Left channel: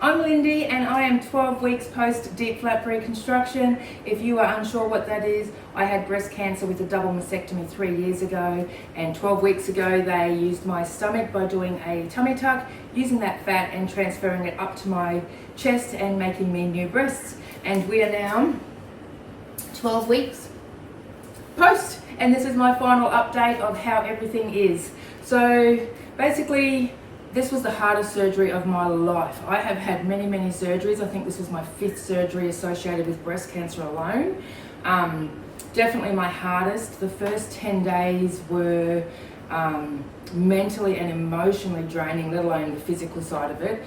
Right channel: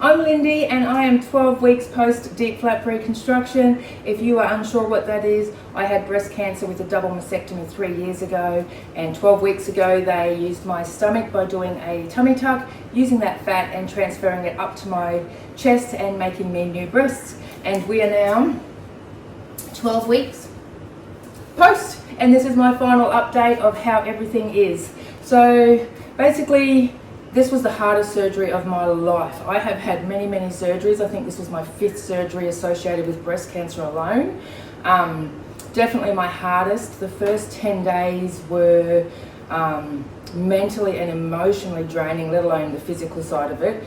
I'm Lindy and I am 12 weeks post DIEP flap reconstruction. If you are unsure what that is, I had breast cancer with a double mastectomy 3 years ago, and 12 weeks ago they used my stomach by doing a tummy tuck, using that fat and transferring it up to my chest and making me new breasts. And we are now 12 weeks post, and this is my final update of how everything is. So basically, this was the hardest surgery of my life. I have had many surgeries. I think this was my 5th surgery associated with breast cancer alone. Definitely my hardest. The first 10 days were mentally and emotionally draining, let alone the physical side of it.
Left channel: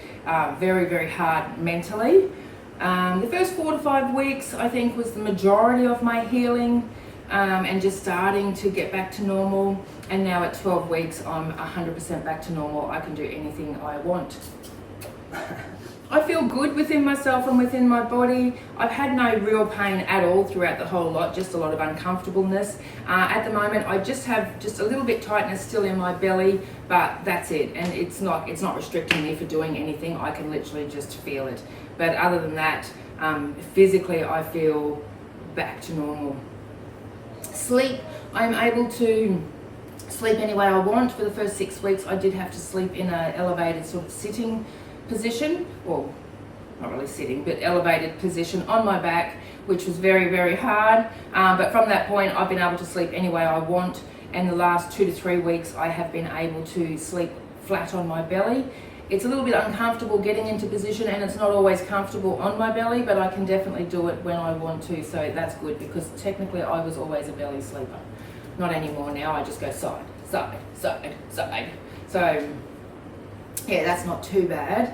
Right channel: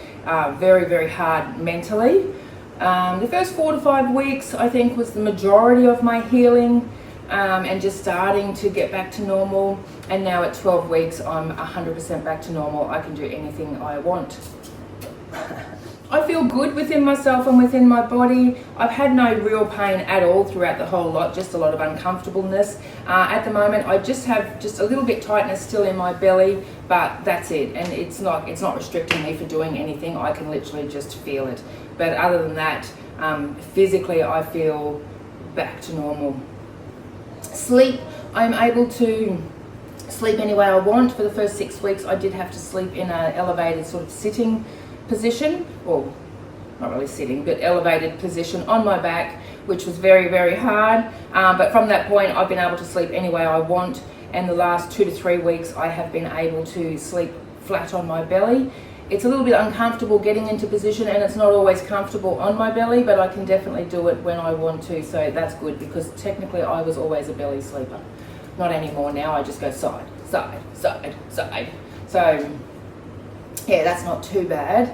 Very hard mentally. The first 4 to 5 weeks, I think, was the majority of my healing. And just starting to get back to normal, and now at 12 weeks I'm 100% back to normal. I can do anything I want. I feel good within myself and within my body. I've had no real pain at all throughout the whole lot, just a lot of uncomfortableness. At the moment I just have just a little bit tightness still in my belly, but that's it, and it's not restricting me for doing anything. I can literally just feel it, but other than that, physically I feel back to normal. Sleep, I'm able to sleep any way I want. For the first 6 weeks I did have to sleep in an elevated sort of sitting position, or not really sitting, but elevated position on my back, which was very hard. But from that point I've been able to sleep any way I want, and the last 2 to 3 weeks I have been able to sleep flat on my belly. It's a little bit uncomfortable getting into position, and it's not always comfortable on my belly, but I can definitely do it when I want to, so that's good, because technically I was always a belly sleeper. Not anymore now, I just go side. So yeah, that's not too bad.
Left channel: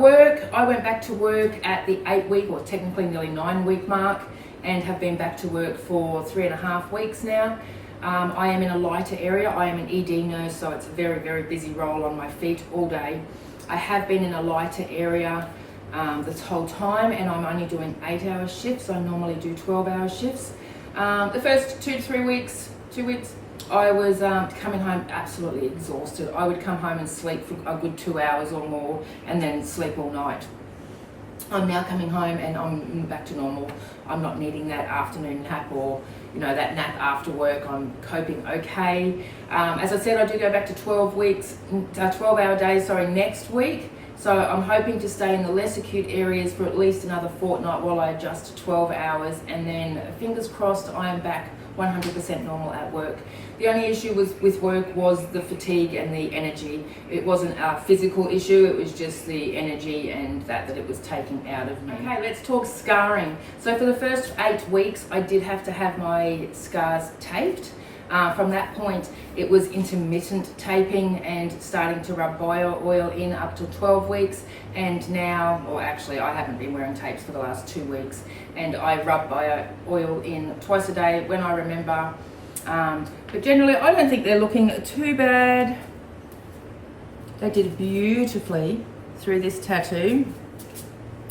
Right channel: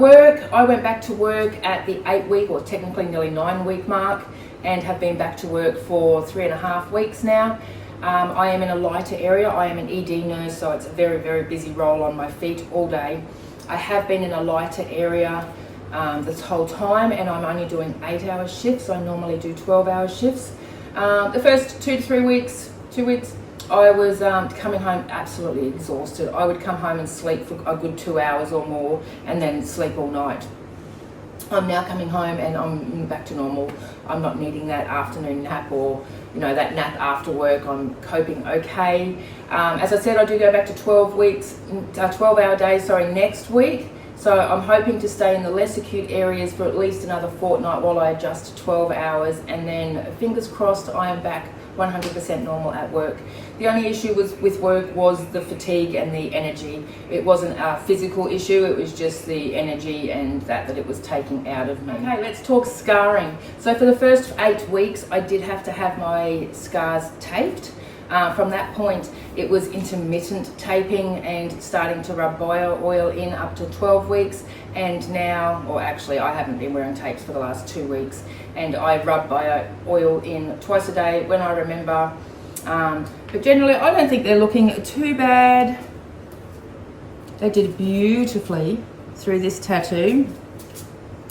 Work, I went back to work at the 8-week, or technically nearly 9-week mark, and have been back to work for 3.5 weeks now. I am in a lighter area. I am an ED nurse, so it's a very busy role on my feet all day. I have been in a lighter area this whole time, and I'm only doing 8-hour shifts. I normally do 12-hour shifts. The first 2 to 3 weeks, 2 weeks, I was coming home absolutely exhausted. I would come home and sleep for a good 2 hours or more, and then sleep all night. I'm now coming home and I'm back to normal. I'm not needing that afternoon nap, or that nap after work. I'm coping okay. As I said, I do go back to 12-hour days next week. So I'm hoping to stay in the less acute areas for at least another fortnight while I adjust to 12 hours, and then fingers crossed I am back 100% normal at work. The only issue with work was the fatigue and the energy. It wasn't a physical issue, it was just the energy and that it was taking out of me. Okay, let's talk scarring. So for the first 8 weeks, I did have to have my scars taped. From that point, it was intermittent taping and starting to rub bio oil in up to 12 weeks. And now, or actually I haven't been wearing tapes for the last 2 weeks, and I rub bio oil in twice a day when I remember. But generally I don't think they're looking too bad. They did beautifully through this tattoo.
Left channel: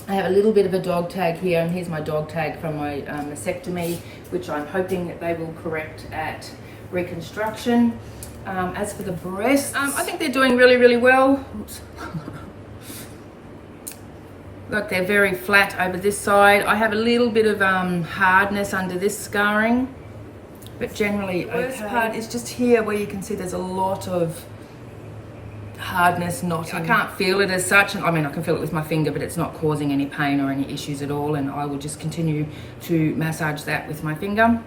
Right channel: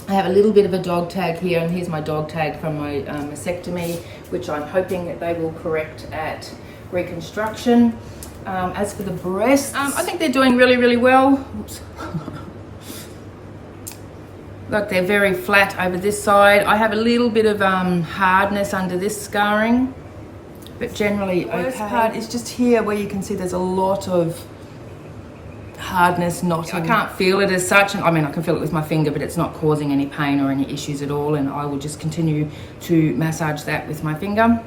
I have a little bit of a dog tag here, and here's my dog tag from my mastectomy, which I'm hoping that they will correct at Reconstruction. As for the breasts, I think they're doing really well. Oops. Look, they're very flat over this side. I have a little bit of hardness under this scarring, but generally okay. The worst part is just here where you can see there's a lot of hardness, knotting. I can't feel it as such. I mean, I can feel it with my finger, but it's not causing any pain or any issues at all, and I will just continue to massage that with my finger.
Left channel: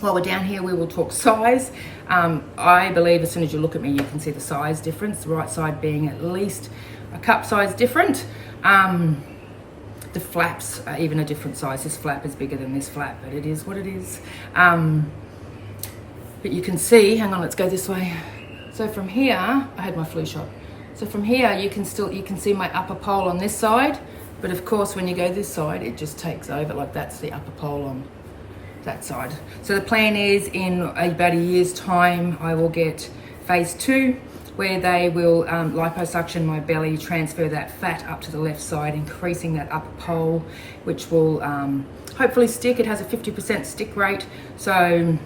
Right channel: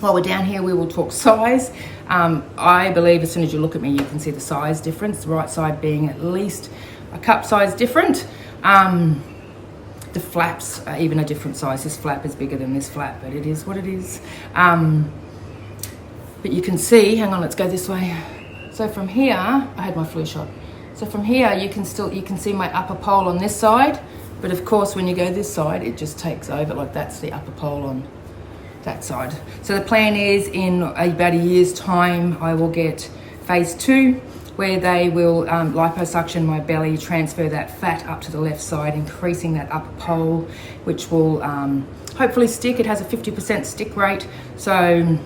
While we're down here, we will talk size. I believe as soon as you look at me, you can see the size difference, the right side being at least a cup size different. The flaps are even a different size. This flap is bigger than this flap, but it is what it is. But you can see, hang on, let's go this way. So from here, I had my flu shot. So from here, you can see my upper pole on this side, but of course, when you go this side, it just takes over. Like, that's the upper pole on that side. So the plan is in about a year's time, I will get phase 2, where they will liposuction my belly, transfer that fat up to the left side, increasing that upper pole, which will hopefully stick. It has a 50% stick rate, so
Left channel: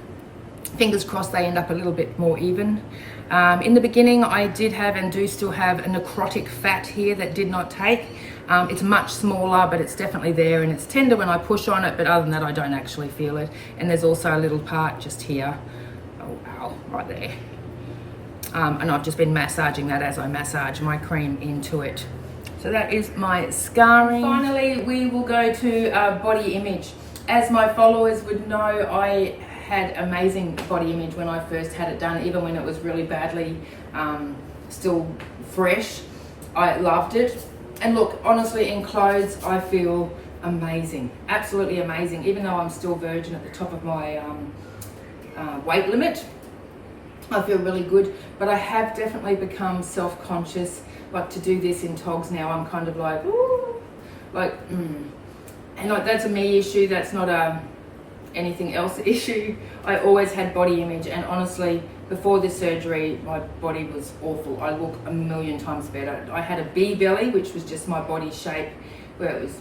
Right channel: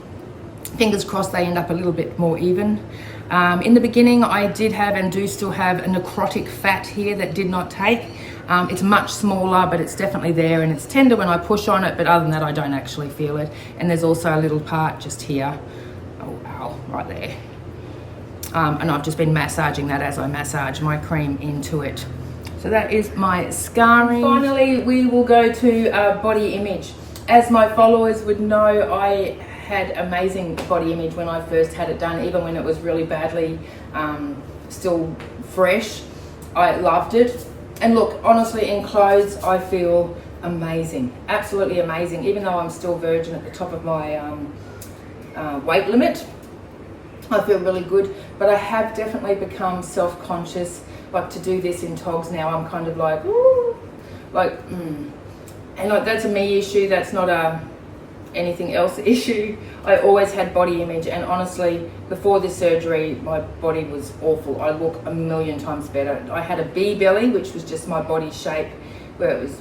fingers crossed they end up a little bit more even. In the beginning, I did have and do still have a necrotic fat here that did not take. It's much smaller, but it's definitely there, and it's tender when I push on it, but other than that, I don't actually feel it. And there's also a little part just here. Oh, ow, right there. And I've just been massaging that as I massage my cream into it. So that is my scarring. Finally, we will go to body image. As my followers would know, I had amazing body image when I first had it done, even when it was really badly still fresh. I loved it. And look, honestly, in clothes, I feel amazing, absolutely amazing. Even though I'm still virgin at the top of my weight limit, I feel really good. But I have definitely become self-conscious. Like, to do this in togs now, I'm kind of like, ooh, like, and like, that's a me issue. That's not a anything else issue. I always had body image, and honestly, before this surgery, my body was awful. I look a million times better. I had a B belly, which was just my body shape, where it was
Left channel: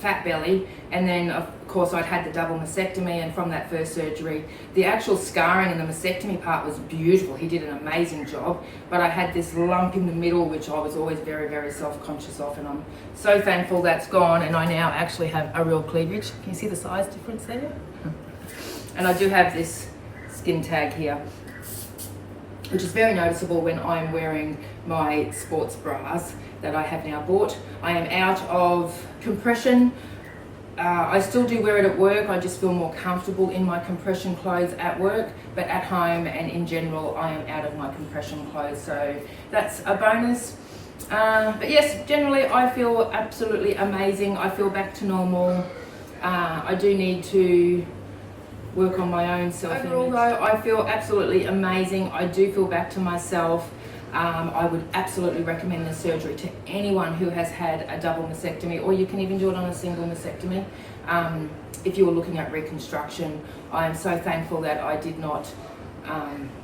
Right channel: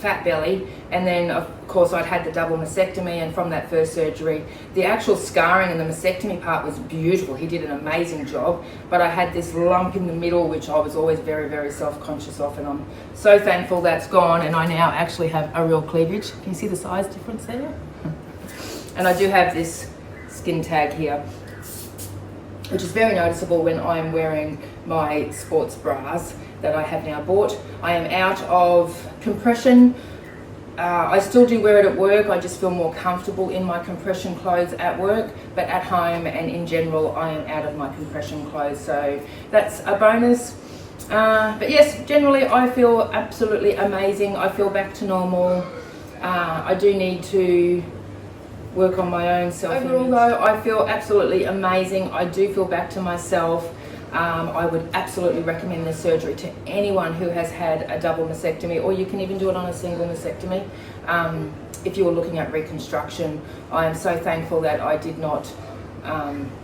fat belly, and then of course I'd had the double mastectomy, and from that first surgery, the actual scarring and the mastectomy part was beautiful. He did an amazing job, but I had this lump in the middle, which I was always very, very self-conscious of, and I'm so thankful that's gone, and I now actually have a real cleavage. Can you see the size difference there? And I do have this skin tag here, which is very noticeable when I'm wearing my sports bras that I have now bought. I am out of compression. I still do wear it at work. I just feel more comfortable in my compression clothes at work, but at home and in general, I am out of my compression clothes. So that's a bonus. But yes, generally I feel absolutely amazing. I feel back to normal. I do need to work on my own self-image. Overall though, I feel absolutely amazing. I do feel back to myself. I would absolutely recommend this surgery to anyone who has had a double mastectomy, or you can even do it on a single mastectomy. If you were looking at reconstruction, I am so thankful that I did not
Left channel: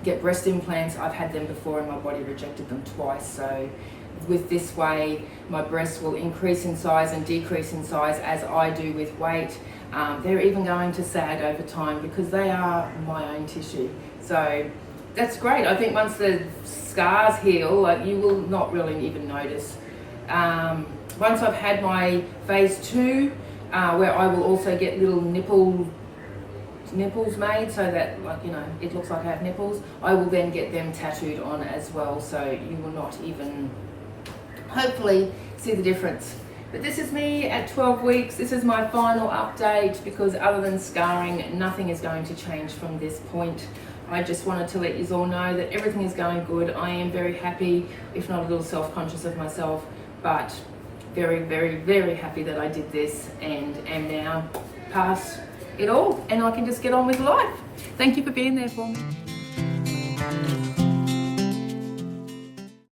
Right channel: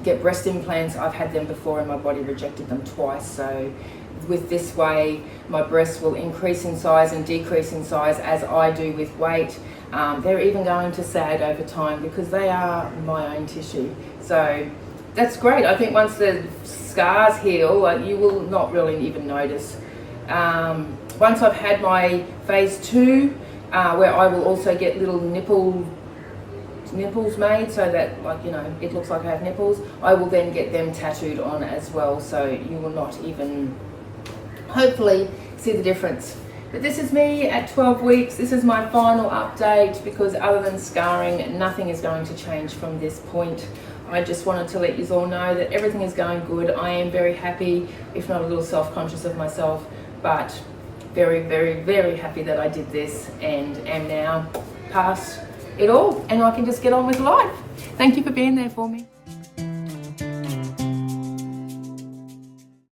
get breast implants. I've had them before and my body rejected them twice. So with this way, my breasts will increase in size and decrease in size as I do with weight. They're even going to sag over time because they are my own tissue. So that's great. I think once the scars heal, like, you will not really even notice. Once I've had my phase 2, where I will also get little nipples made so that, like, you know, it looks like I have nipples, I will then get them tattooed on as well, so you will not even hopefully see the difference. But this is me at 12 weeks. This is my final update, because other than scarring, nothing is going to change from this point. I just wanted to let you all know that everything is going good. I am very happy, if not a little self-conscious of myself, but very, very, very happy that I did this and am now past it all, and I can just get on with life. Thank you for being there for me.